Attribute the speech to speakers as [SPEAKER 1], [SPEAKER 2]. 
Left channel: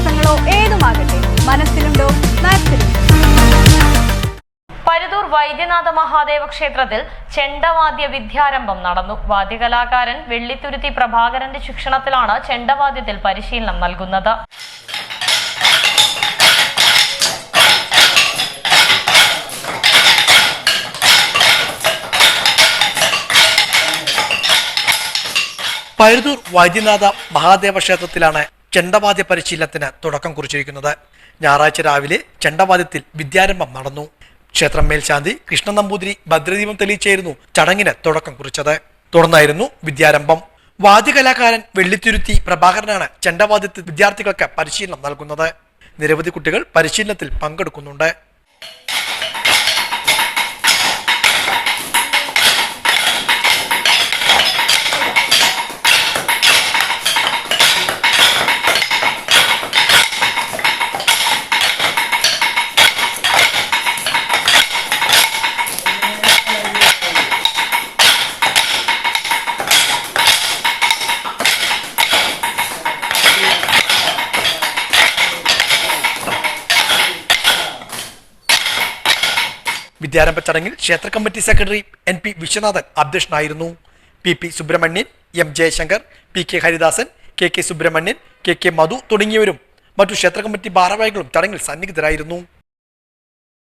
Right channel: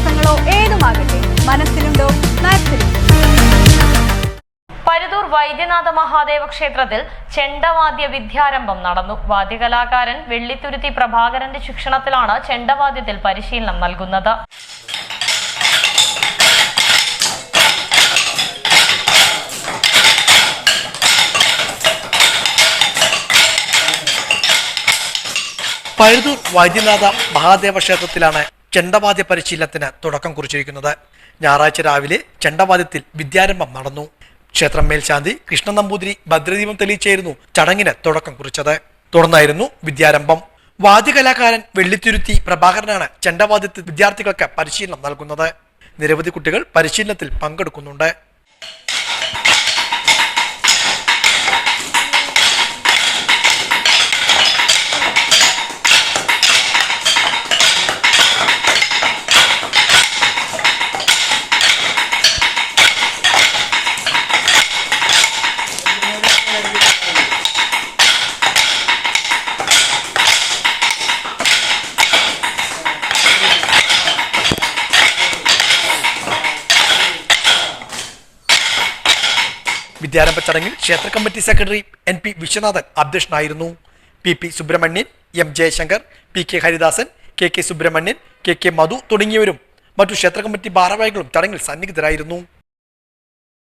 [SPEAKER 1] വ്യത്യാസങ്ങളോ ഏതുമാകട്ടെ മനസ്സിലുണ്ടോ മാത്സിലുണ്ടോ പരുതൂർ വൈദ്യനാഥ മഹാദേവ ക്ഷേത്രത്തിൽ ചെണ്ടവാദ്യ വിദ്യാരംഭം നടന്നു. വാദ്യകലാകാരൻ വെള്ളിത്തുരുത്തി പ്രഭാകരന്റെ ശിക്ഷണത്തിലാണ് ചെണ്ടവാദ്യത്തിൽ പരിശീലനം നൽകുന്നത്.
[SPEAKER 2] പഴുതൂർ വൈദ്യനാഥ മഹാദേവ ക്ഷേത്രത്തിലാണ് ചെണ്ടവാദ്യ പരിശീലനത്തിന് തുടക്കം കുറിച്ചിരിക്കുന്നത്. ഞായറാഴ്ച രാവിലെ ചെണ്ടവാദ്യത്തിൽ വിദ്യാരംഭം നടന്നു. ക്ഷേത്രം മേൽശാന്തി കൃഷ്ണ നമ്പൂതിരി ഭദ്രദീപം തെളിയിച്ചായിരുന്നു ചടങ്ങിന് തുടക്കം കുറിച്ചത്. തുടർന്നായിരുന്നു വിദ്യാരംഭം. വാദ്യകലാകാരൻ വെള്ളിത്തുരുത്തി പ്രഭാകരനാണ് ചെണ്ടവാദ്യത്തിൽ വിദ്യാർത്ഥികൾക്ക് പരിശീലനം നൽകുന്നത്. നിരവധി കുട്ടികൾ പരിശീലനത്തിൽ പങ്കെടുക്കുന്നുണ്ട്. വിദ്യാരംഭ ചടങ്ങിൽ ക്ഷേത്ര committee secretary N P Viswanathan അധ്യക്ഷനായിരുന്നു. P P Subramanian M Jayashankar P K Haridasan K K Subramanian K K Madhu തുടങ്ങിയവരും മറ്റു ക്ഷേത്ര കമ്മിറ്റി ഭാരവാഹികളും ചടങ്ങിൽ സന്നിഹിതരായിരുന്നു.